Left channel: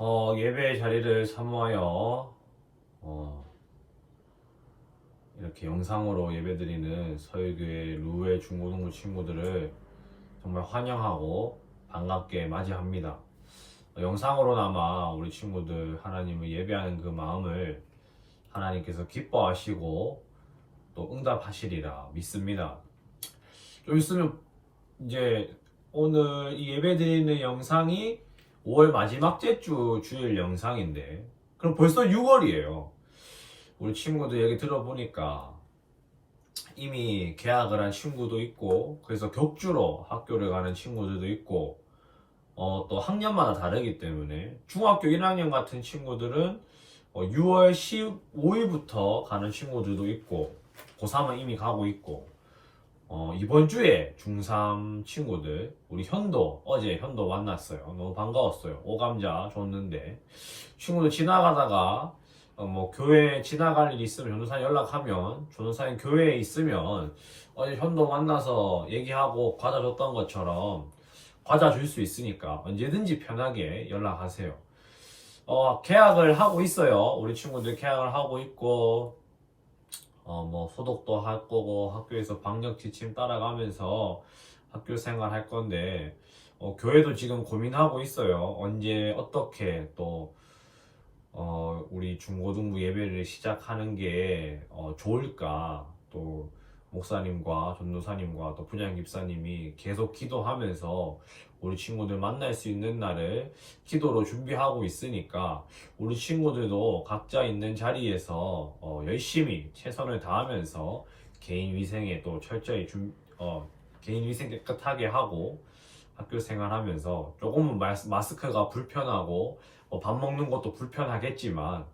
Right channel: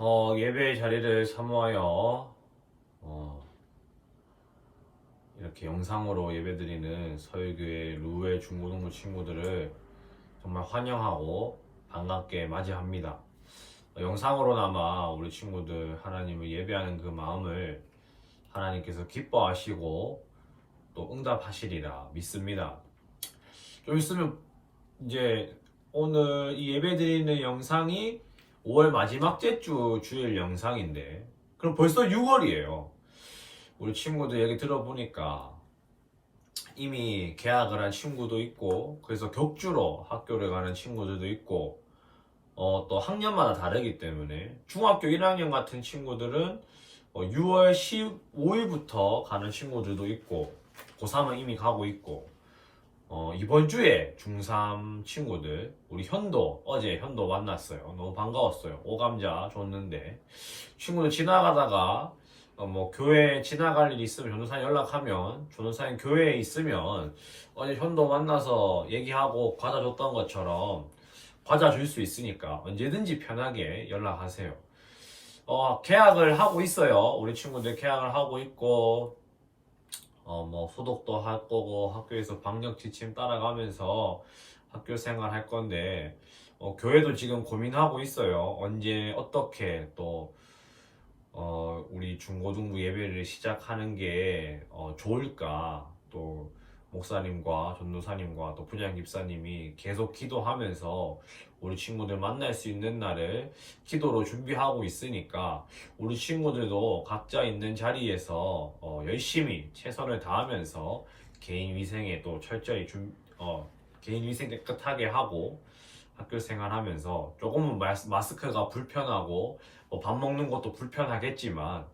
예배 자리를 사모하여 이렇게 영상으로 예배드리는 서울교회 루의 중고등부 친구들을 정말 환영하고 반갑게 맞이합니다. 영상으로나마 우리 친구들 하나님을 예배하는 그 마음을 하나님께서 기뻐하시고 또 응답하시리라 믿습니다. 좀 있으면 이제 오늘 이 예배드리는 영상이 5월 마지막 주 주일 영상인데 그럼 벌써 6월이에요. 우리 친구들 얘기 들어보니까 이미 개학을 한 친구도 있고 그래서 격주로 학교를 가는 친구들도 있고 또 학년마다 다르기 때문에 중학교 1학년 같은 친구들은 6월 15일부터 가는 친구들도 있고 고3은 이미 가고 있고 이번 주에 중3 친구들 우리 어제 현도 만났어요. 너무 반가웠어요. 오감자 줬는데 친구들 지나가다가 교회 지나갈 일 있으면 전도사님 연락하면 전도사님 교회에 있으면 어제 현도 만나서 얘기하고 과자 줬던 것처럼 과자 줄 수 있으니까 언제든지 편하게 연락하세요. 계약을 하고 있어요. 우리 친구들 계약을 하고 있고 소독도 할 거고 학교에서 방역 지침 따라가면서 학교 생활 할 건데 교회도 지금 고민하고 있어요. 언제 어떻게 또 우리 중고등부 예배를 시작하는 게 좋을까. 또 목사님과 전도사님과 또 부장 집사님이 계속 기도하면서 우리 친구들 만날 수 있는 날을 기도로 준비하고 있으니까 우리 친구들도 각자 있는 자리에서 열심히 최선을 다하면서 개인 위생에 또 철저히 개인 위생 깨끗하게 하고 학교 생활하면서 조금은 마스크가 불편하고 밥 먹는 것도 불편하겠지만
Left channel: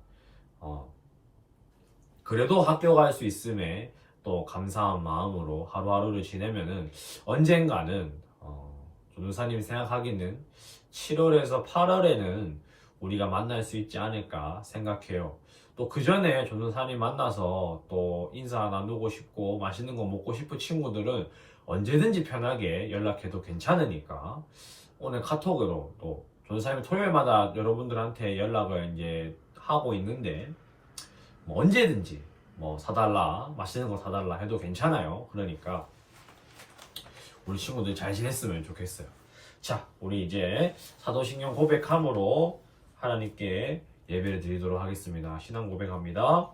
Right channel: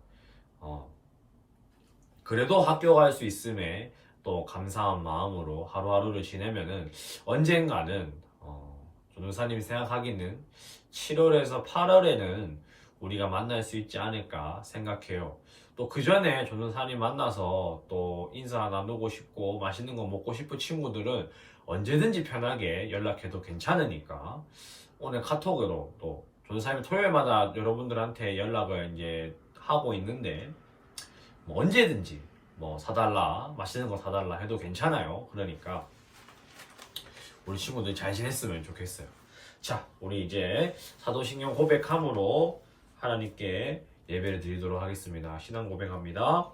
그래도 학교 갈 수 있음에 또 감사한 마음으로 하루하루를 지내면은 언젠가는 전도사님이 생각하기는 7월에서 8월에는 우리가 만날 수 있지 않을까 생각해요. 또 그 전에 전도사님 만나서 또 인사 나누고 싶고 맛있는 거 먹고 싶은 친구들은 언제든지 편하게 연락해도 괜찮으니까 오늘 카톡으로 또 전도사님 토요일마다 여러분들한테 연락을 이제 하고 있는데 언제든지 사달라 맛있는 거 사달라 해도 괜찮아요. 그러니까 우리 친구들 잘 지냈으면 좋겠어요. 자, 우리 이제 사도신경 고백함으로 하나님께 예배를 드리도록 하겠습니다. 신앙 고백합니다.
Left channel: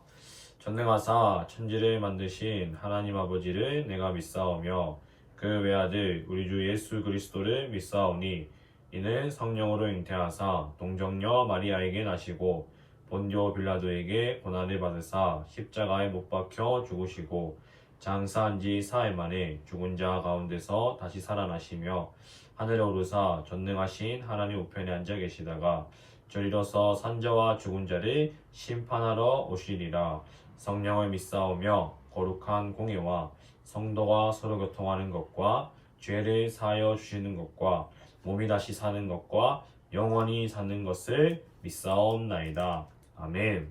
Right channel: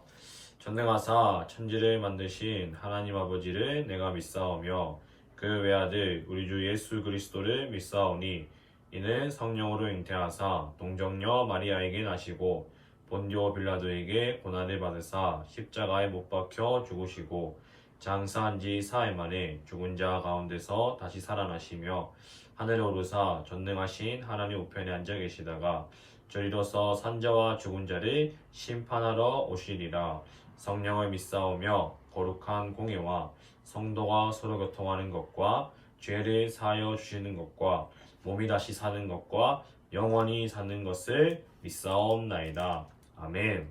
전능하사 천지를 만드신 하나님 아버지를 내가 믿사오며 그 외아들 우리 주 예수 그리스도를 믿사오니 이는 성령으로 잉태하사 동정녀 마리아에게 나시고 본디오 빌라도에게 고난을 받으사 십자가에 못 박혀 죽으시고 장사한 지 사흘 만에 죽은 자 가운데서 다시 살아나시며 하늘에 오르사 전능하신 하나님 우편에 앉아 계시다가 저리로서 산자와 죽은 자를 심판하러 오시리라. 성령을 믿사오며 거룩한 공예와 성도가 서로 교통하는 것과 죄를 사하여 주시는 것과 몸이 다시 사는 것과 영원히 사는 것을 믿사옵나이다. 아멘.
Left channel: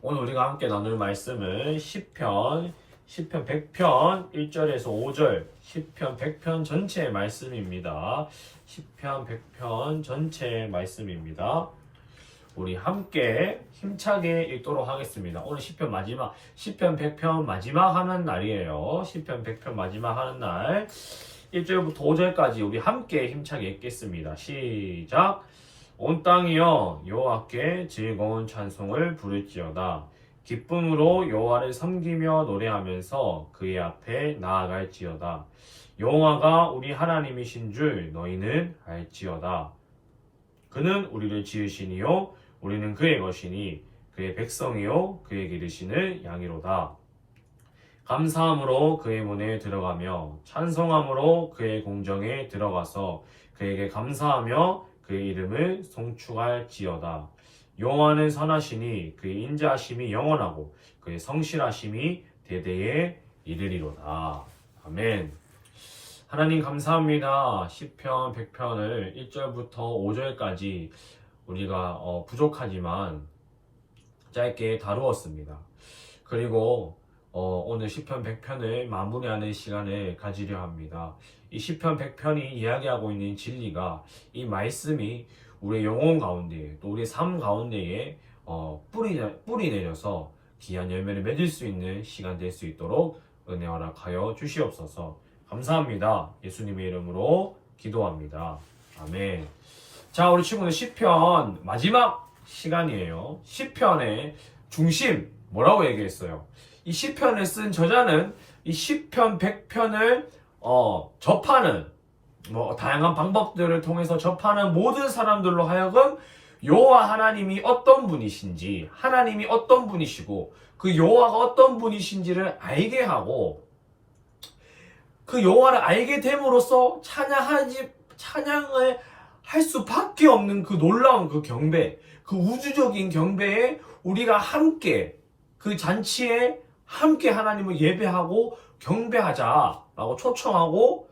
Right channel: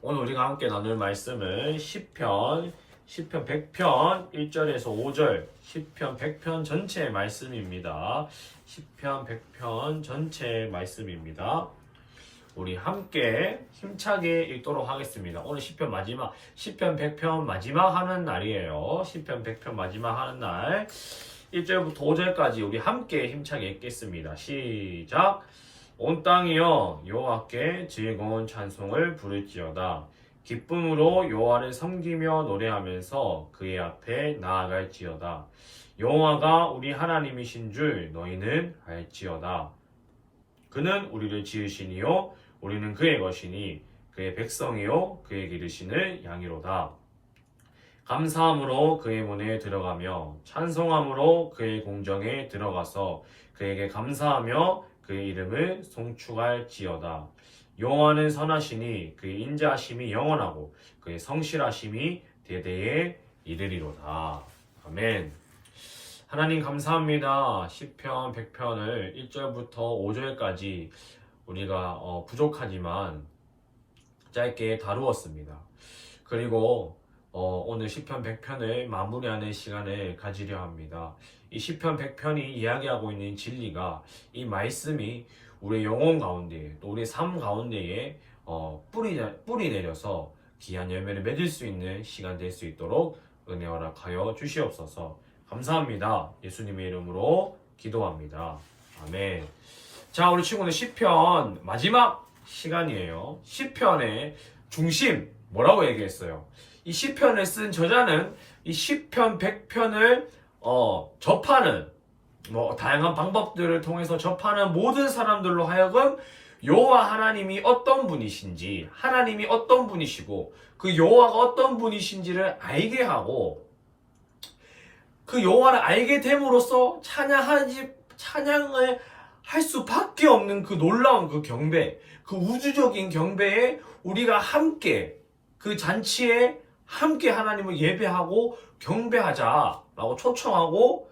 오늘 우리가 함께 나눌 말씀은 시편 100편 1절에서 5절 시편 100편 전체의 말씀입니다. 시편 100편 전체의 말씀입니다. 우리 함께 힘차게 읽도록 하겠습니다. 오늘 시편 100편 마지막 하는 날이에요. 시편 100편 마지막 하는 날 1절부터 5절까지 우리 함께 힘차게 읽겠습니다. 시작. 온 땅이여 여호와께 즐거운 찬송을 부를지어다. 기쁨으로 여호와를 섬기며 노래하면서 그의 앞에 나아갈지어다. 여호와가 우리 하나님이신 줄 너희는 알지어다. 그는 우리를 지으시니요 우리는 그의 것이니 그의 백성이요 그의 기르시는 양이로다. 감사함으로 그의 문에 들어가며 찬송함으로 그의 공정에 들어가서 그에게 감사하며 그의 이름을 송축할지어다. 여호와는 선하시니 그의 인자하심이 영원하고 그의 성실하심이 대대에 이르리로다. 아멘. 하나님 감사합니다. 시편 100편을 1절부터 5절까지 우리가 부족하지만 짧게 다루었습니다. 그리고 오늘 시편 100편을 마무리하는 시간을 가지려 합니다. 이 시편 100편이 이야기하고 있는 진리가 이 말씀이 우리의 영혼 가운데 또 우리의 삶 가운데에 뿌리 내려서 귀한 열매를 맺을 수 있는 시간 될 수 있도록 은혜 허락하여 주시옵소서. 감사합니다. 예수님의 이름으로 기도합니다. 아멘. 자, 우리 친구는 시편 마지막 시간이에요. 시편의 중심 뭐라고 얘기했어요? 이 시편을 쓴 저자는 이 시편 100편을 접하는 다양한 방법들을 통해서 접하는 모든 사람들로 하여금 여호와 하나님이 어떤 분이신지, 하나님이 어떤 분이시고 그 여호와가 어떤 분이신지를 알게 하고, 그 여호와를 알게 됨으로써 찬양을 할 수밖에 없는 그 놀라운 그 경배, 그 우주적인 경배에 우리가 함께 그 잔치에 함께 하나님을 예배하고 경배하자라고 초청하고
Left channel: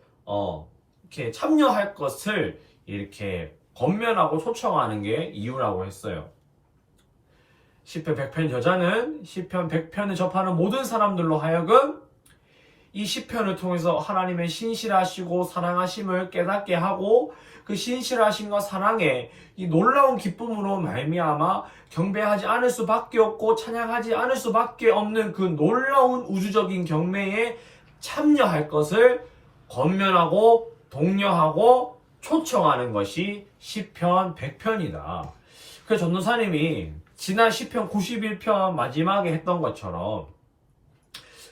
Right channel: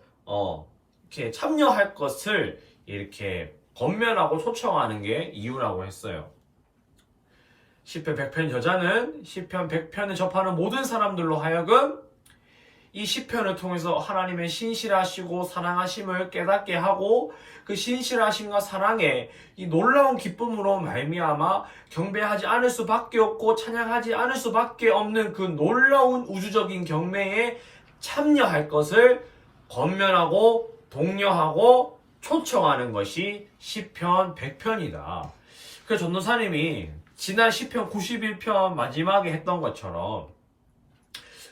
이렇게 참여할 것을 이렇게 권면하고 초청하는 게 이유라고 했어요. 시편 100편 저자는 시편 100편을 접하는 모든 사람들로 하여금 이 시편을 통해서 하나님의 신실하시고 사랑하심을 깨닫게 하고, 그 신실하심과 사랑에 이 놀라운 기쁨으로 말미암아 경배하지 않을 수밖에 없고 찬양하지 않을 수밖에 없는 그 놀라운 우주적인 경배에 참여할 것을 권면하고 독려하고 초청하는 것이 시편 100편이다. 그래서 전도사님이 지난 시편 91편 마지막에 했던 것처럼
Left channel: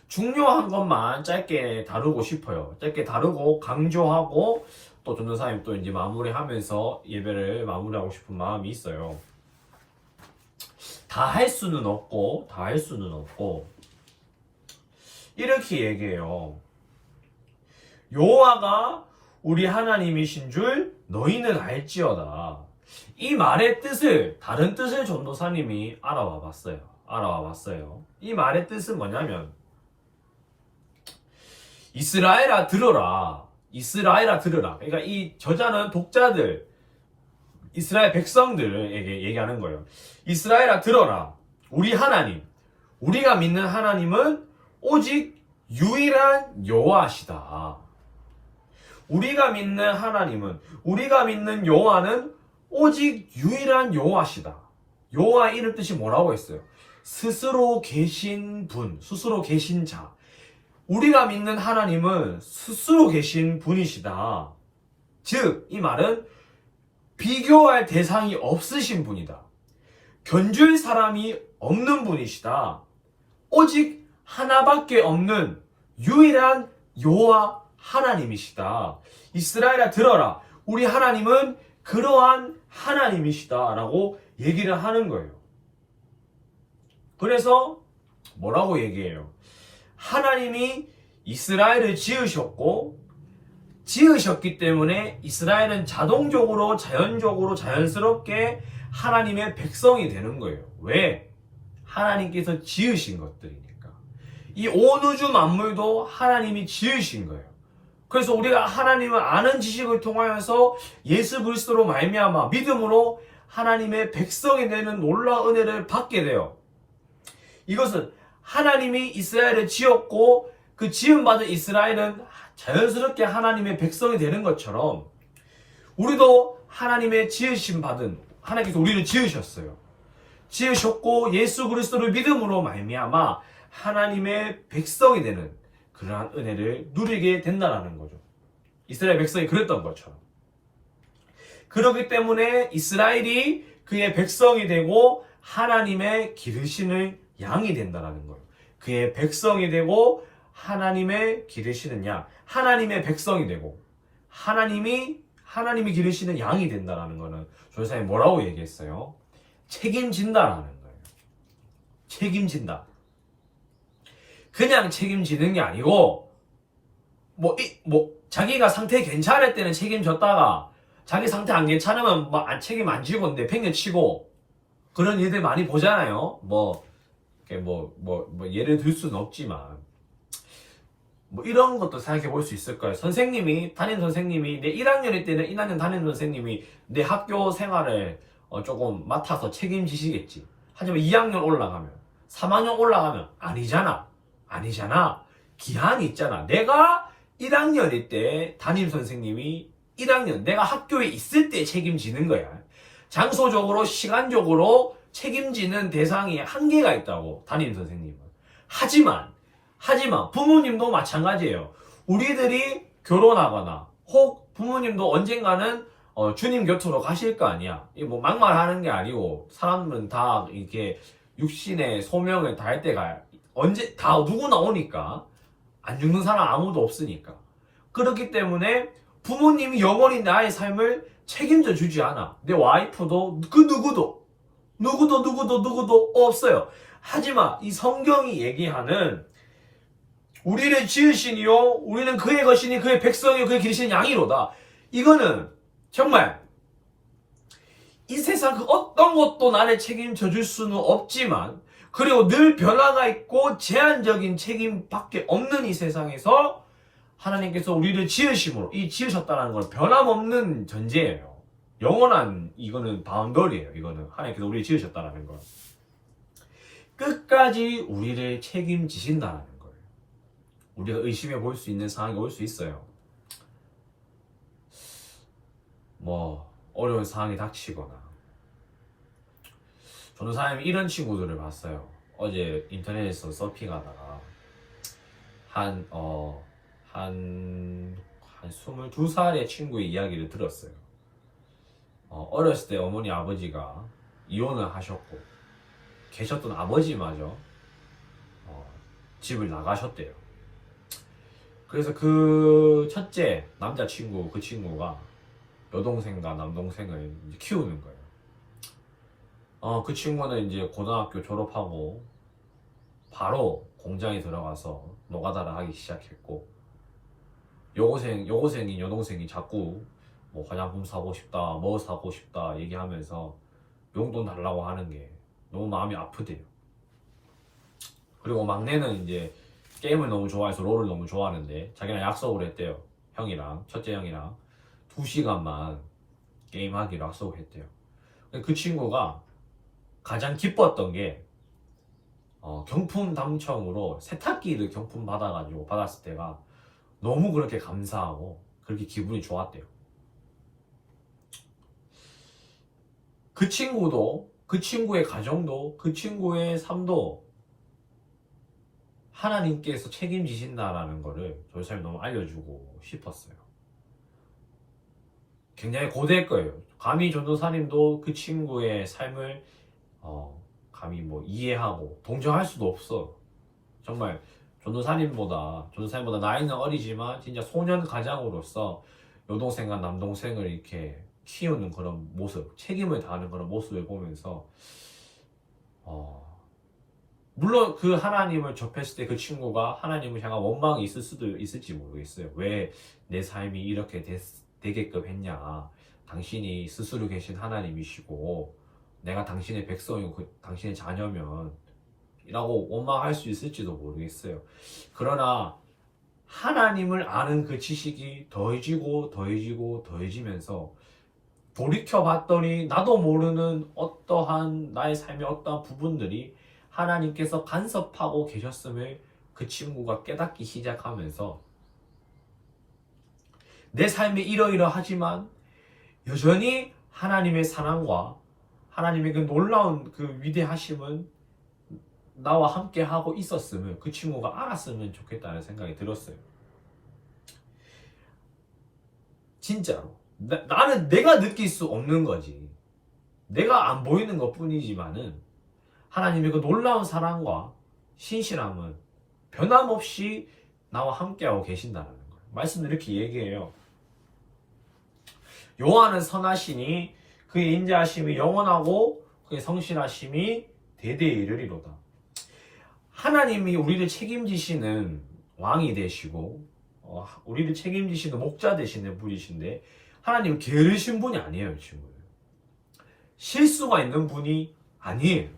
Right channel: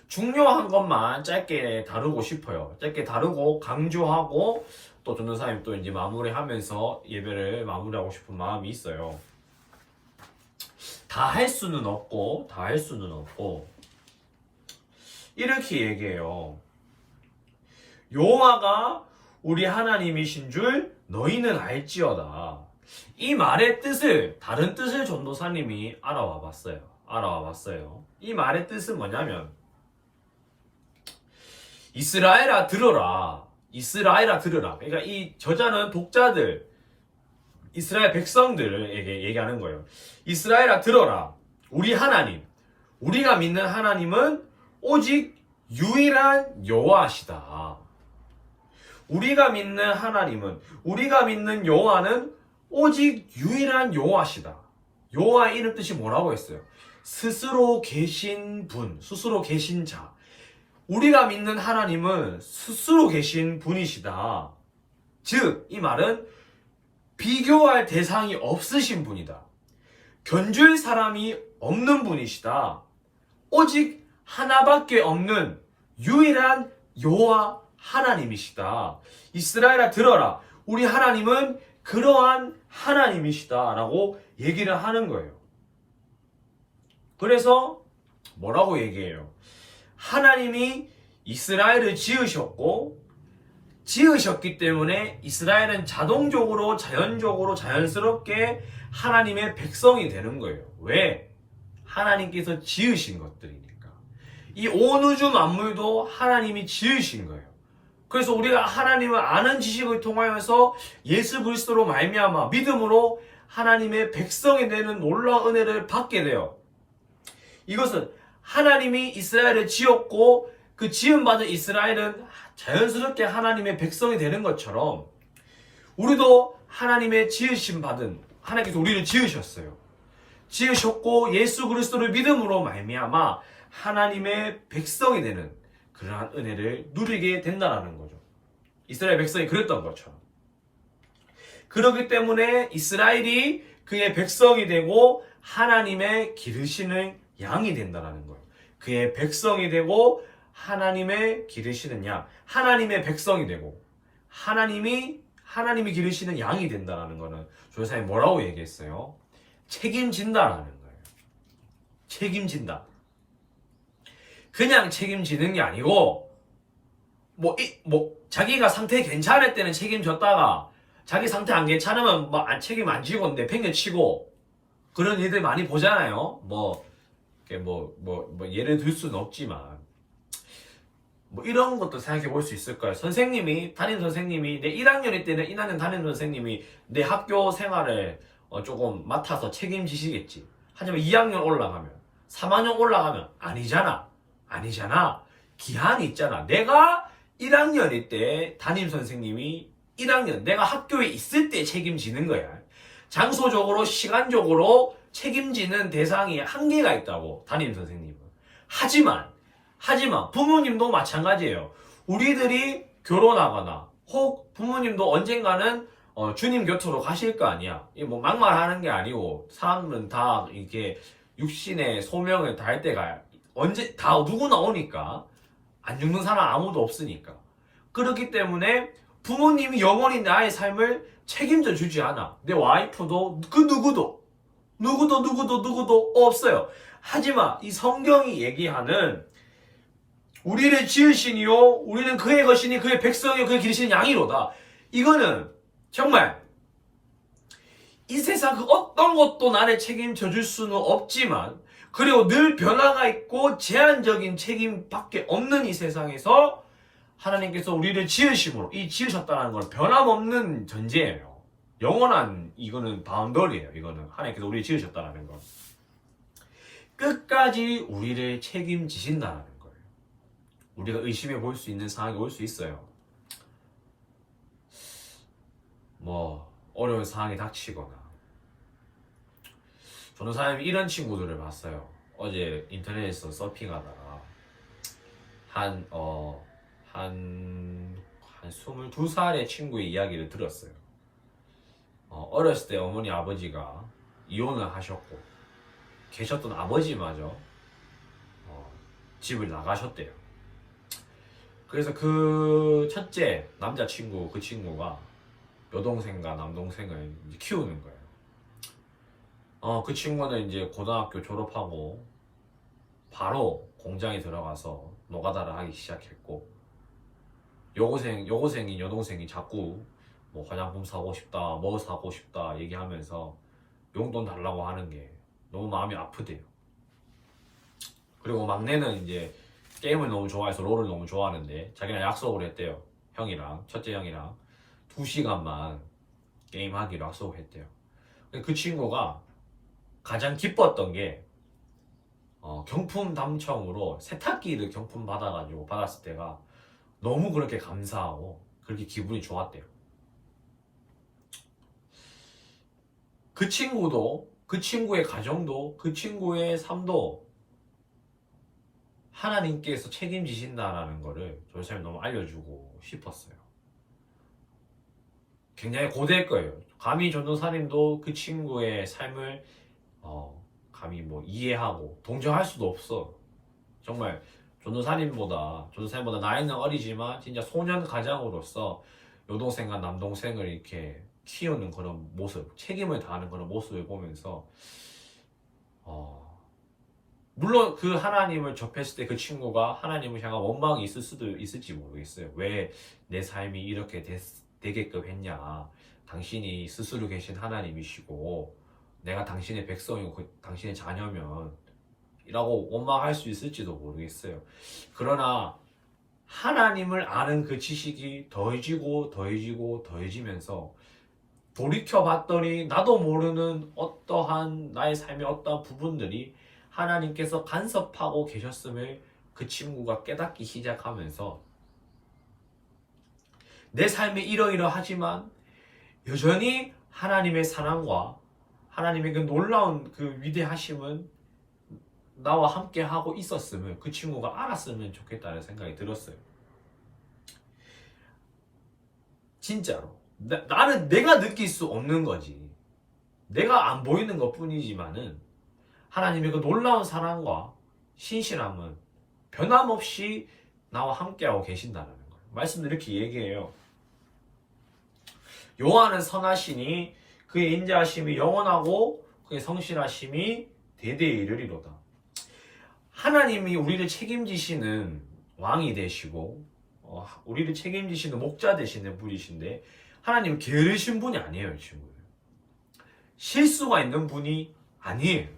중요한 것만 짧게 다루고 싶어요. 짧게 다루고 강조하고 또 전도사님 또 이제 마무리하면서 예배를 마무리하고 싶은 마음이 있어요. 다 할 수는 없고 이렇게 얘기해요. 여호와가 우리 하나님이신 줄 너희는 알지어다. 이 말의 뜻을, 다른 뜻을 전도사님이 알아와 봤어요. 이 말의 뜻은 뭐냐면, 이스라엘아 들어라. 그러니까 이 저자는 독자들, 이스라엘 백성들에게 얘기하는 거예요. 이스라엘아 들어라. 우리 하나님, 우리가 믿는 하나님은 오직 유일한 여호와시다. 우리가 믿는 여호와는 오직 유일한 여호와시다. 여호와의 이름 뜻이 뭐라고 했어요? 스스로 계신 분, 스스로 계신 자. 우리가 믿는 하나님은 스스로 계신 분이시다. 즉, 이 말은 비교할 대상이 없으신 분이다. 견줄 사람이 없는 분이시다. 오직 하나밖에 없는 유일한 여호와 하나님이시다. 이스라엘아 들어라. 우리 하나님은 그러한 하나님이시다 라고 얘기를 하는 거예요. 그래서 뭐라고 얘기해요? 하나님이 이스라엘을 지으셨기 때문에 이스라엘은 자동적으로, 자연스럽게 하나님의 백성이 되는 거예요. 왜? 하나님께서 지으신 것들이니까. 이 온 우주 만물도 하나님이 지으신 거예요. 그래서 우리가 하나님을 아는 지식을 통하여서 예수 그리스도로 말미암아 믿음으로 하나님의 백성이 되는 놀라운 은혜를 받게 돼요. 이것은 하나님이 이스라엘을 지었고 그 지음받은 이스라엘은 자연스럽게 하나님의 백성이 되는 것처럼 우리도 하나님의 지으심 받은, 하나님께서 우리를 지으셨어요. 지으셨고 예수 그리스도를 믿음으로 말미암아 하나님의 백성이 되는 그러한 은혜를 누리게 된다는 거죠. 이스라엘 백성이 그랬던 것처럼. 그렇기 때문에 이스라엘이 그의 백성이 되고 하나님의 기르시는 양이 된다는 거예요. 그의 백성이 되고 하나님의 기르시는 양, 하나님의 백성이 되고 하나님이 기르시는 양이 된다는 거는 조사님 뭐라고 얘기했어요? 책임진다라는 거예요. 책임진다. 그냥 책임지는 게 아니고 자기가 상태 괜찮을 때는 책임졌다가 자기 상태 안 괜찮으면 책임 안 지고 내팽개치고 그런 일들 많이 보잖아요. 예를 들 수는 없지만 이런 것도 생각해 볼 수 있을 거예요. 담임 선생님이 내 1학년일 때는 1학년 담임 선생님이 내 학교 생활을 조금 맡아서 책임지시겠지. 하지만 2학년 올라가면 3학년 올라가면 아니잖아. 기한이 있잖아. 내가 1학년일 때 담임 선생님이 1학년 내가 학교에 있을 때 책임지는 거야. 장소적으로 시간적으로 책임지는 대상이 한계가 있다고 담임 선생님은. 하지만 부모님도 마찬가지예요. 우리들이 결혼하거나 혹 부모님도 언젠가는 주님 곁으로 가실 거 아니야. 뭐 막말하는 게 아니고 사람은 다 이렇게 육신의 소명을 다할 때가 언제 다 누구나 오니까 안 죽는 사람 아무도 없으니까. 그렇기 때문에 부모님이 영원히 나의 삶을 책임져 주지 않아. 내 와이프도 그 누구도 없어요. 하지만 이 성경이 얘기하는 우리를 지으시니요 우리는 그의 것이니 그의 백성이요 그의 기르시는 양이로다. 이거는 정말 이 세상 그 어떤 것도 나를 책임져 줄 수는 없지만 그리고 늘 변화가 있고 제한적인 책임밖에 없는 이 세상에서 하나님께서 우리를 지으심으로 이 지으셨다는 건 변함없는 전제예요. 영원한 이거는 바운더리예요. 이거는 하나님께서 우리를 지으셨다는 건 끝까지 우리를 책임지신다는 거예요. 우리가 의심해 볼 수 있는 상황이 올 수 있어요. 뭐 어려운 상황이 닥치거나. 저는 사람이 이런 친구들을 봤어요. 어제 인터넷에서 서핑하다가 한 22살의 친구의 이야기를 들었어요. 어렸을 때 어머니 아버지가 이혼을 하셨고 계셨던 아버지마저 집을 나가셨대요. 그래서 그 첫째 남자친구 그 친구가 여동생과 남동생을 키우는 거예요. 그 친구는 이제 고등학교 졸업하고 바로 공장에 들어가서 노가다를 하기 시작했고 여고생인 여동생이 자꾸 뭐 화장품 사고 싶다 뭐 사고 싶다 얘기하면서 용돈 달라고 하는 게 너무 마음이 아프대요. 그리고 막내는 이제 게임을 너무 좋아해서 롤을 너무 좋아하는데 자기랑 약속을 했대요. 첫째 형이랑 2시간만 게임하기로 약속을 했대요. 그 친구가 가장 기뻤던 게 경품 당첨으로 세탁기를 경품 받았을 때가 너무 그렇게 감사하고 그렇게 기분이 좋았대요. 그 친구도 그 친구의 가정도 그 친구의 삶도 하나님께서 책임지신다라는 거를 조사님 너무 알려주고 싶었어요. 굉장히 고대일 거예요. 감히 전도사님도 그 친구의 삶을 감히 뭐 이해하고 동정할 수도 없어. 정말 전도사님보다 나이는 어리지만 진짜 소년 가장으로서 여동생과 남동생을 이렇게 키우는 그런 모습, 책임을 다하는 그런 모습을 보면서 물론 그 하나님을 접했을 때 그 친구가 하나님을 향한 원망이 있을 수도 있을지 모르겠어요. 왜 내 삶이 이렇게 되게끔 했냐. 당신이 스스로 계신 하나님이시고 내가 당신의 백성이고 당신의 자녀면 이라고 원망할 수 있을지도 모르겠어요. 그러나 하나님을 아는 그 지식이 더해지면서 돌이켜봤더니 나도 모르는 어떠한 나의 삶의 어떠한 부분들이 하나님께서 간섭하고 계셨음을 그 친구가 깨닫기 시작하면서 내 삶이 이러이러하지만 여전히 하나님의 사랑과 하나님의 그 놀라운 그 위대하심은 나와 함께 하고 있었음을 그 친구가 알았으면 좋겠다는 생각이 들었어요. 진짜로 나는 내가 느낄 수 없는 거지. 내가 안 보이는 것 뿐이지만은 하나님의 그 놀라운 사랑과 신실함은 변함없이 나와 함께하고 계신다는 거예요. 말씀을 이렇게 얘기해요. 여호와는 선하시니 그의 인자하심이 영원하고 그의 성실하심이 대대에 이르리로다. 하나님이 우리를 책임지시는 왕이 되시고 우리를 책임지시는 목자 되시는 분이신데 하나님은 게으르신 분이 아니에요. 친구들. 실수가 있는 분이 아니에요.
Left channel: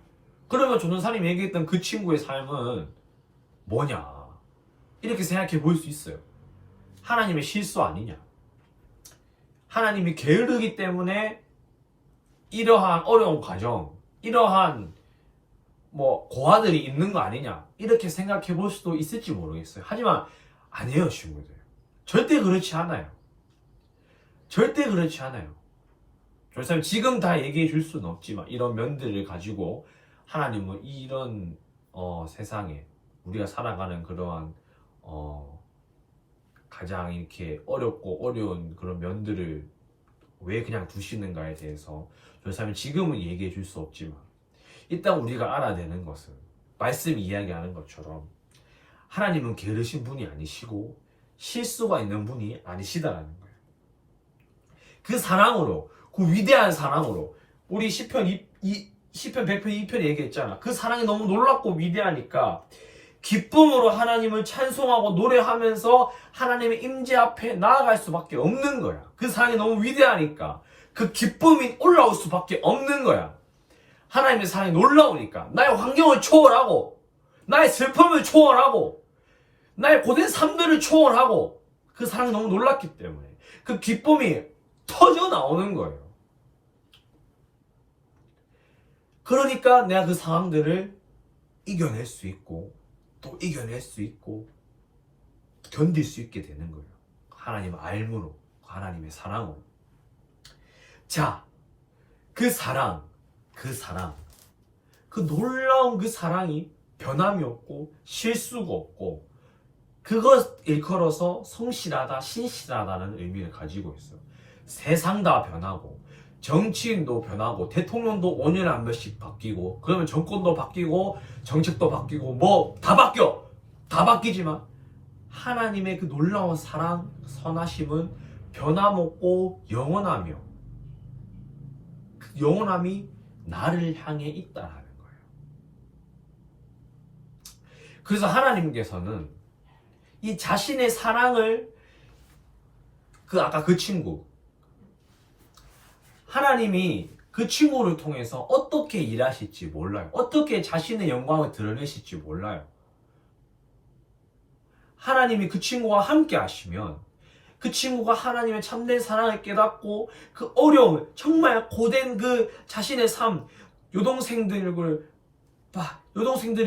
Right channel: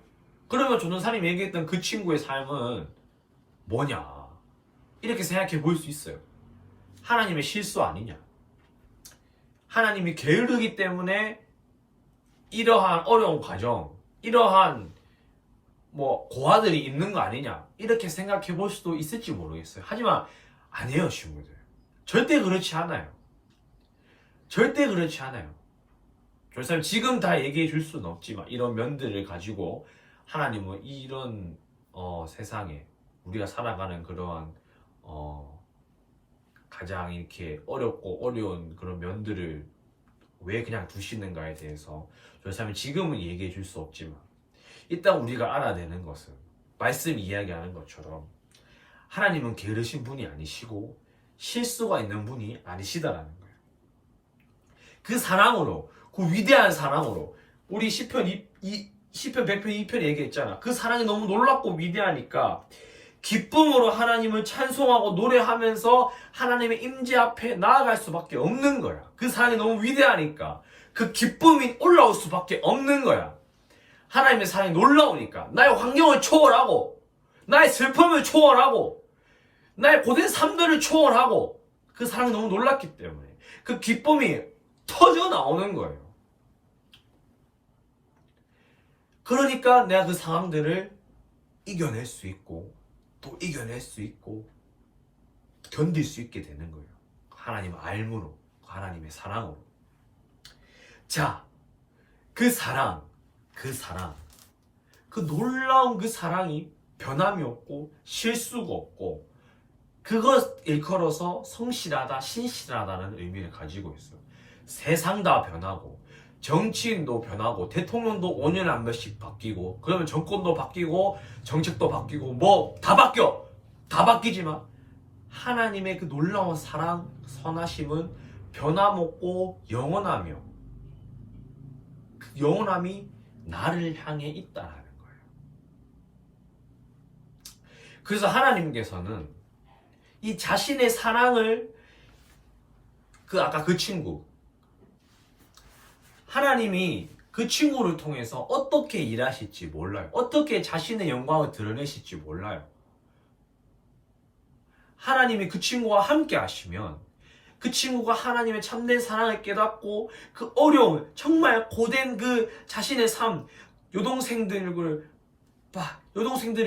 그러면 전도사님이 얘기했던 그 친구의 삶은 뭐냐 이렇게 생각해 볼 수 있어요. 하나님의 실수 아니냐. 하나님이 게으르기 때문에 이러한 어려운 과정, 이러한 뭐 고아들이 있는 거 아니냐 이렇게 생각해 볼 수도 있을지 모르겠어요. 하지만 아니에요. 친구들. 절대 그렇지 않아요. 절대 그렇지 않아요. 조사님 지금 다 얘기해 줄 수는 없지만 이런 면들을 가지고 하나님은 이런 세상에 우리가 살아가는 그러한 가장 이렇게 어렵고 어려운 그런 면들을 왜 그냥 두시는가에 대해서 조사님 지금은 얘기해 줄 수 없지만 일단 우리가 알아야 되는 것은 말씀이 이야기하는 것처럼 하나님은 게으르신 분이 아니시고 실수가 있는 분이 아니시다라는 거예요. 그 사랑으로, 그 위대한 사랑으로 우리 시편 100편 2편 얘기했잖아. 그 사랑이 너무 놀랍고 위대하니까 기쁨으로 하나님을 찬송하고 노래하면서 하나님의 임재 앞에 나아갈 수밖에 없는 거야. 그 사랑이 너무 위대하니까 그 기쁨이 올라올 수밖에 없는 거야. 하나님의 사랑이 놀라우니까 나의 환경을 초월하고 나의 슬픔을 초월하고 나의 고된 삶들을 초월하고 그 사랑이 너무 놀랐기 때문에 그 기쁨이 터져 나오는 거예요. 그러니까 내가 그 상황들을 이겨낼 수 있고 또 이겨낼 수 있고 견딜 수 있게 되는 거예요. 하나님의 알므로, 하나님의 사랑으로. 자, 그 사랑, 그 놀라운 그 사랑이 변함이 없고 실수가 없고 그것 일컬어서 성실하다, 신실하다는 의미를 가지고 있어요. 세상 다 변하고 정치인도 변하고 대통령도 5년에 한 번씩 바뀌고 그러면 정권도 바뀌고 정책도 바뀌고 뭐 다 바뀌어. 다 바뀌지만 하나님의 그 놀라운 사랑, 선하심은 변함없고 영원하며 그 영원함이 나를 향해 있다라는 거예요. 그래서 하나님께서는 이 자신의 사랑을 아까 그 친구 하나님이 그 친구를 통해서 어떻게 일하실지 몰라요. 어떻게 자신의 영광을 드러내실지 몰라요. 하나님이 그 친구와 함께 하시면 그 친구가 하나님의 참된 사랑을 깨닫고 그 어려움, 정말 고된 그 자신의 삶, 여동생들을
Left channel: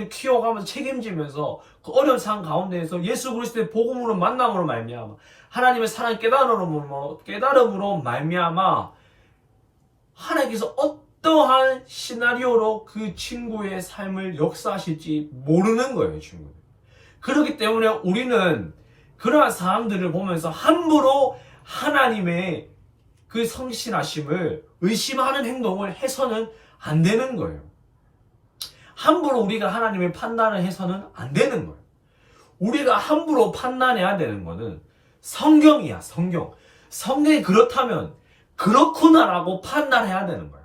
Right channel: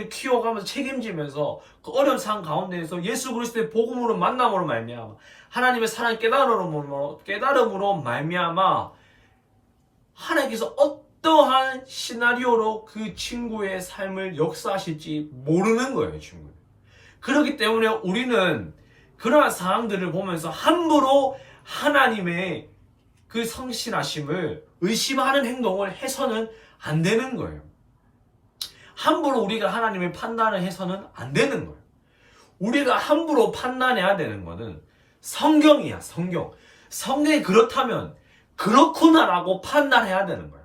키워가면서 책임지면서 그 어려운 상황 가운데에서 예수 그리스도의 복음으로 만남으로 말미암아 하나님의 사랑을 깨달음으로 말미암아 하나님께서 어떠한 시나리오로 그 친구의 삶을 역사하실지 모르는 거예요, 친구는. 그렇기 때문에 우리는 그러한 상황들을 보면서 함부로 하나님의 그 성실하심을 의심하는 행동을 해서는 안 되는 거예요. 함부로 우리가 하나님의 판단을 해서는 안 되는 거예요. 우리가 함부로 판단해야 되는 거는 성경이야, 성경. 성경이 그렇다면 그렇구나라고 판단해야 되는 거야.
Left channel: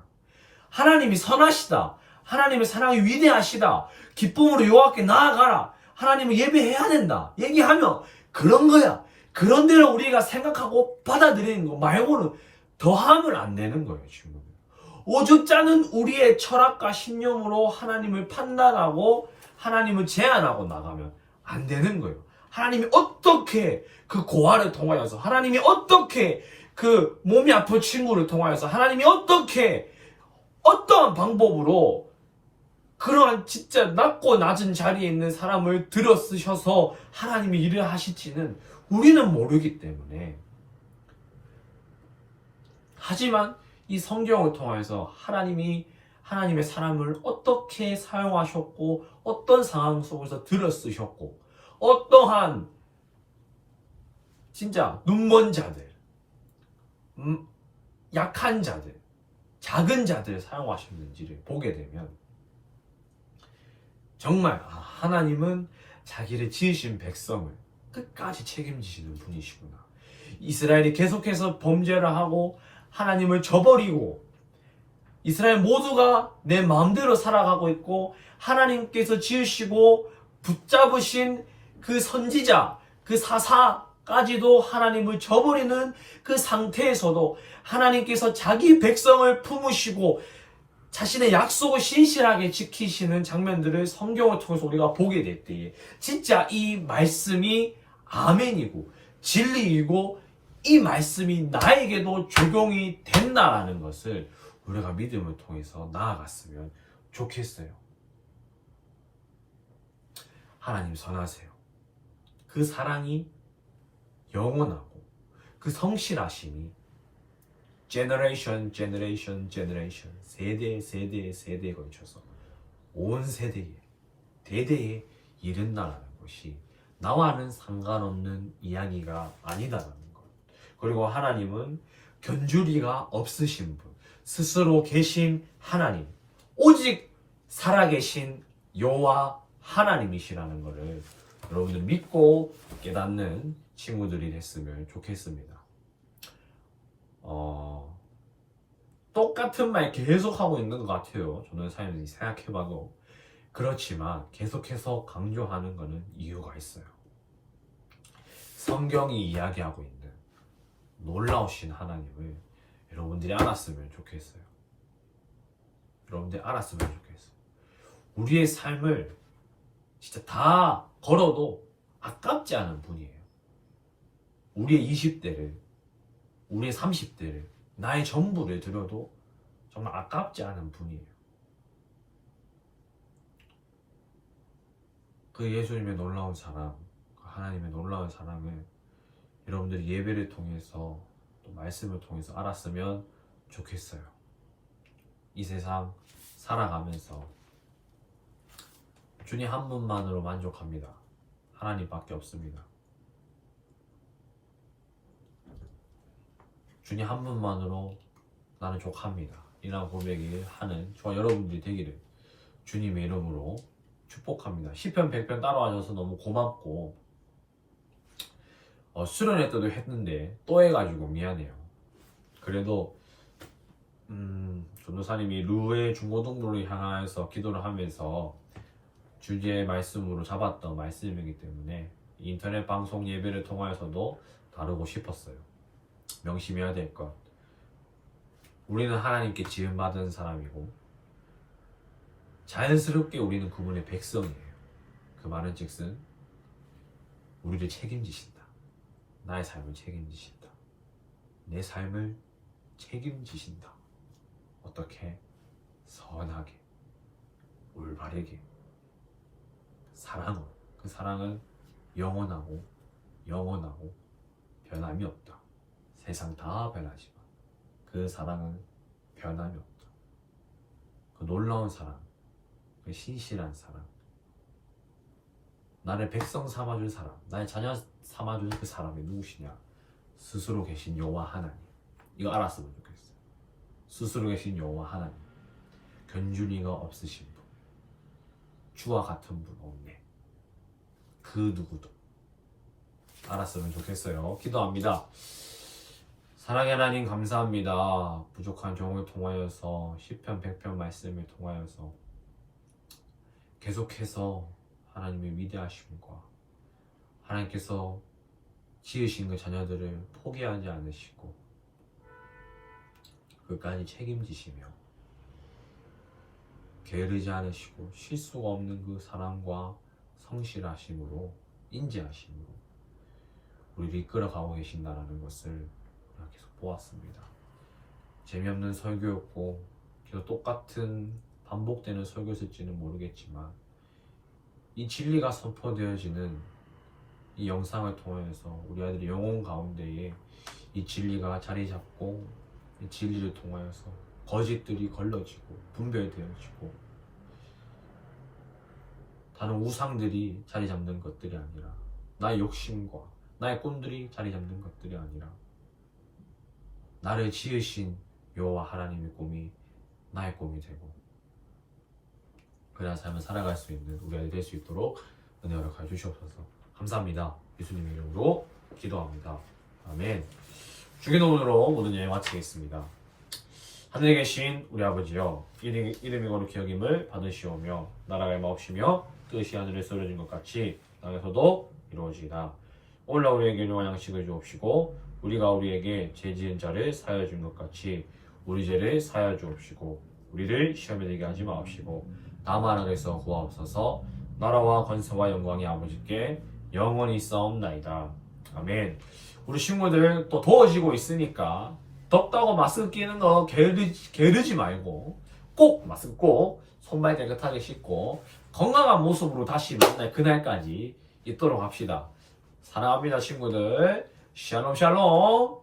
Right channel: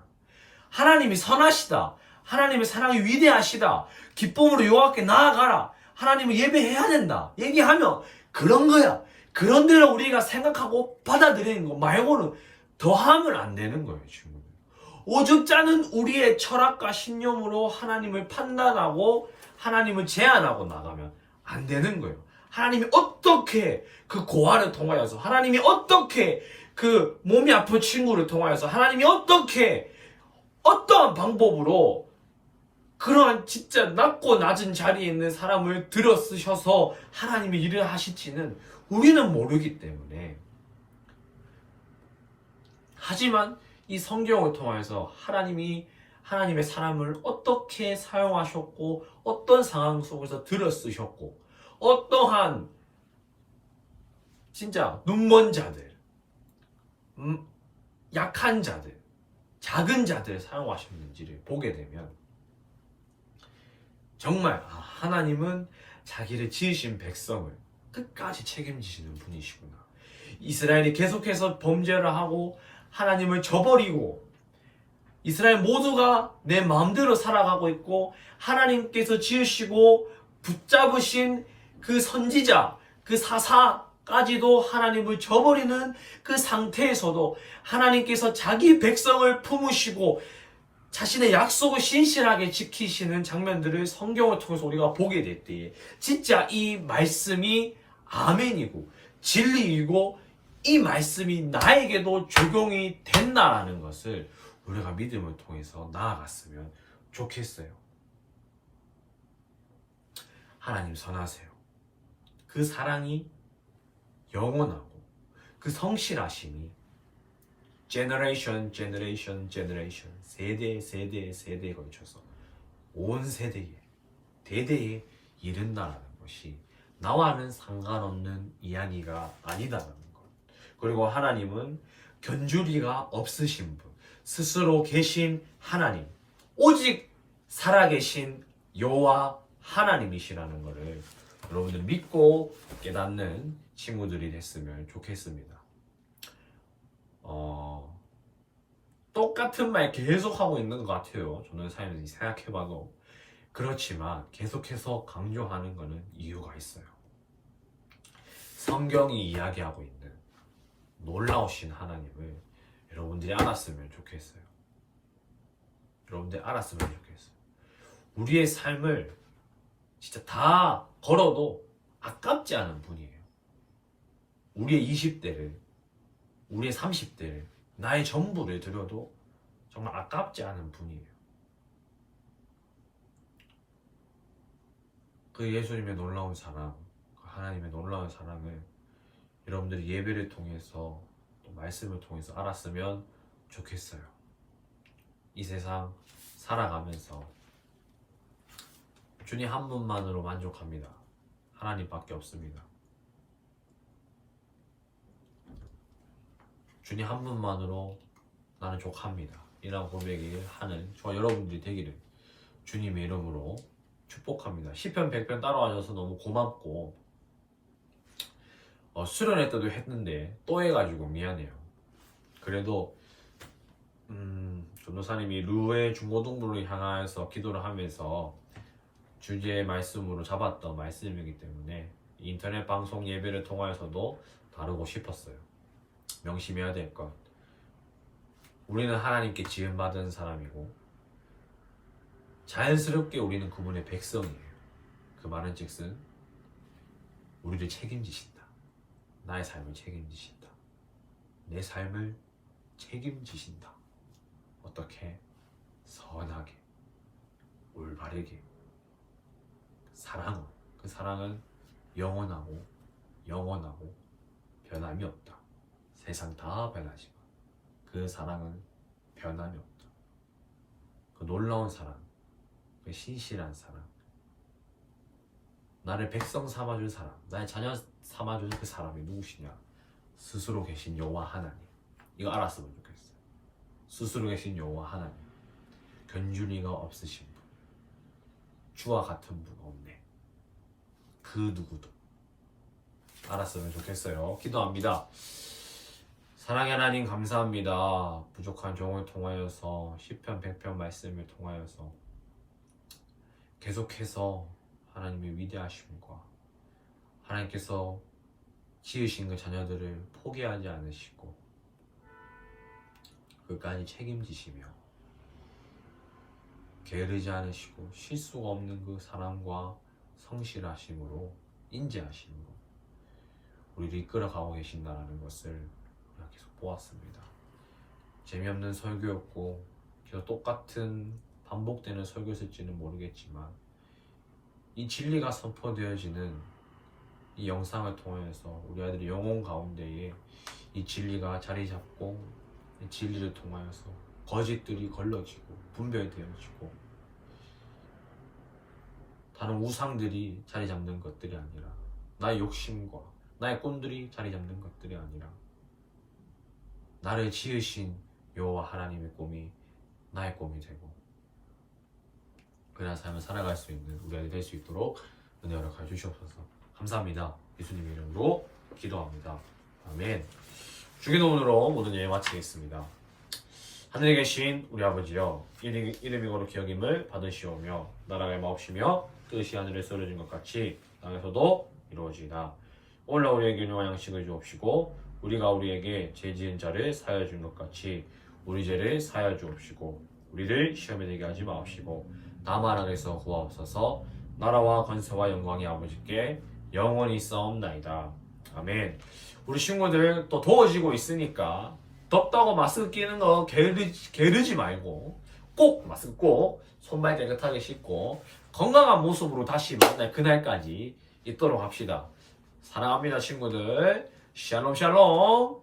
하나님이 선하시다. 하나님의 사랑이 위대하시다. 기쁨으로 여호와께 나아가라. 하나님을 예배해야 된다. 얘기하면 그런 거야. 그런 대로 우리가 생각하고 받아들이는 거 말고는 더하면 안 되는 거예요, 친구들. 오죽 않은 우리의 철학과 신념으로 하나님을 판단하고 하나님을 제한하고 나가면 안 되는 거예요. 하나님이 어떻게 그 고아를 통하여서 하나님이 어떻게 그 몸이 아픈 친구를 통하여서 하나님이 어떻게 어떠한 방법으로 그러한 진짜 낮고 낮은 자리에 있는 사람을 들어 쓰셔서 하나님이 일을 하실지는 우리는 모르기 때문에 하지만 이 성경을 통해서 하나님의 사람을 어떻게 사용하셨고 어떤 상황 속에서 들어 쓰셨고 어떠한 진짜 눈먼 자들 약한 자들 작은 자들을 사용하셨는지를 보게 되면 정말 하나님은 자기를 지으신 백성을 끝까지 책임지시는 분이시구나. 이스라엘이 계속해서 범죄를 하고 하나님을 저버리고 이스라엘 모두가 내 마음대로 살아가고 있고 하나님께서 지으시고 붙잡으신 그 선지자, 그 사사까지도 하나님을 저버리는 그 상태에서도 하나님께서 자기 백성을 품으시고 자신의 약속을 신실하게 지키시는 장면들을 성경을 통해서 우리가 보게 될 때에 진짜 이 말씀이 아멘이고 진리이고 이 말씀이 나에게도 적용이 된다라는 것을 우리가 믿음을 통해서 나아갔으면 좋겠어요. 하나님 선하세요. 그 사랑이 영원하고 그 성실하심이 제너레이션 세대에 걸쳐서 온 세대에 대대에 이른다라는 것이 나와는 상관없는 이야기가 아니다라는 것. 그리고 하나님은 견주리가 없으신 분, 스스로 계신 하나님, 오직 살아계신 여호와 하나님이시라는 것을 여러분들 믿고 깨닫는 친구들이 됐으면 좋겠습니다. 똑같은 말 계속 하고 있는 것 같아요. 저는 사연을 생각해봐도. 그렇지만 계속해서 강조하는 것은 이유가 있어요. 성경이 이야기하고 있는 놀라우신 하나님을 여러분들이 알았으면 좋겠어요. 여러분들이 알았으면 좋겠어요. 우리의 삶을 진짜 다 걸어도 아깝지 않은 분이에요. 우리의 20대를, 우리의 30대를, 나의 전부를 들여도 정말 아깝지 않은 분이에요. 그 예수님의 놀라운 사랑, 그 하나님의 놀라운 사랑을 여러분들이 예배를 통해서 또 말씀을 통해서 알았으면 좋겠어요. 이 세상 살아가면서 주님 한 분만으로 만족합니다. 하나님밖에 없습니다. 주님 한 분만으로 나는 족합니다. 이런 고백을 하는 저와 여러분들이 되기를 주님의 이름으로 축복합니다. 시편 100편 따라와줘서 너무 고맙고 수련회 때도 했는데 또 해가지고 미안해요. 그래도 전도사님이 루의 중고등부를 향해서 기도를 하면서 주제의 말씀으로 잡았던 말씀이기 때문에 인터넷 방송 예배를 통하여서도 다루고 싶었어요. 명심해야 될 것. 우리는 하나님께 지음받은 사람이고 자연스럽게 우리는 그분의 백성이에요. 그 말은 즉슨 우리를 책임지신다. 나의 삶을 책임지신다. 내 삶을 책임지신다. 어떻게? 선하게, 올바르게, 사랑으로. 그 사랑은 영원하고 변함이 없다. 세상 다 변하지만 그 사랑은 변함이 없다. 그 놀라운 사랑, 그 신실한 사랑, 나를 백성 삼아준 사람, 나의 자녀 삼아준 그 사람이 누구시냐? 스스로 계신 여호와 하나님. 이거 알았으면 좋겠어요. 스스로 계신 여호와 하나님. 견주리가 없으신 분, 주와 같은 분 없네. 그 누구도 알았으면 좋겠어요. 기도합니다. 사랑의 하나님 감사합니다. 부족한 종을 통하여서 시편 100편 말씀을 통하여서 계속해서 하나님의 위대하심과 하나님께서 지으신 그 자녀들을 포기하지 않으시고 끝까지 책임지시며 게으르지 않으시고 실수가 없는 그 사랑과 성실하심으로 인지하심으로 우리를 이끌어가고 계신다는 것을 우리가 계속 보았습니다. 재미없는 설교였고 계속 똑같은 반복되는 설교였을지는 모르겠지만 이 진리가 선포되어지는 이 영상을 통해서 우리 아들의 영혼 가운데에 이 진리가 자리 잡고 이 진리를 통하여서 거짓들이 걸러지고 분별되어지고 다른 우상들이 자리 잡는 것들이 아니라 나의 욕심과 나의 꾼들이 자리 잡는 것들이 아니라 나를 지으신 여호와 하나님의 꿈이 나의 꿈이 되고 그런 삶을 살아갈 수 있는 우리 아이 될 수 있도록 은혜 허락하여 주시옵소서. 감사합니다. 예수님 이름으로 기도합니다. 아멘. 주기도문으로 모든 예배 마치겠습니다. 하늘에 계신 우리 아버지여, 이름이 거룩히 여김을 받으시오며 나라가 임하옵시며 뜻이 하늘에서 이루어진 것 같이 땅에서도 이루어지이다. 오늘날 우리에게 일용할 양식을 주옵시고 우리가 우리에게 죄 지은 자를 사하여 준 것 같이 우리 죄를 사하여 주옵시고 우리를 시험에 들게 하지 마옵시고 다만 악에서 구하옵소서. 나라와 권세와 영광이 아버지께 영원히 싸움나이다. 아멘. 우리 친구들 또 더워지고 있으니까 덥다고 마스크 끼는 거 게으르지 말고 꼭 마스크 꼭 손발 깨끗하게 씻고 건강한 모습으로 다시 만날 그날까지 있도록 합시다. 사랑합니다 친구들. 샬롬 샬롬.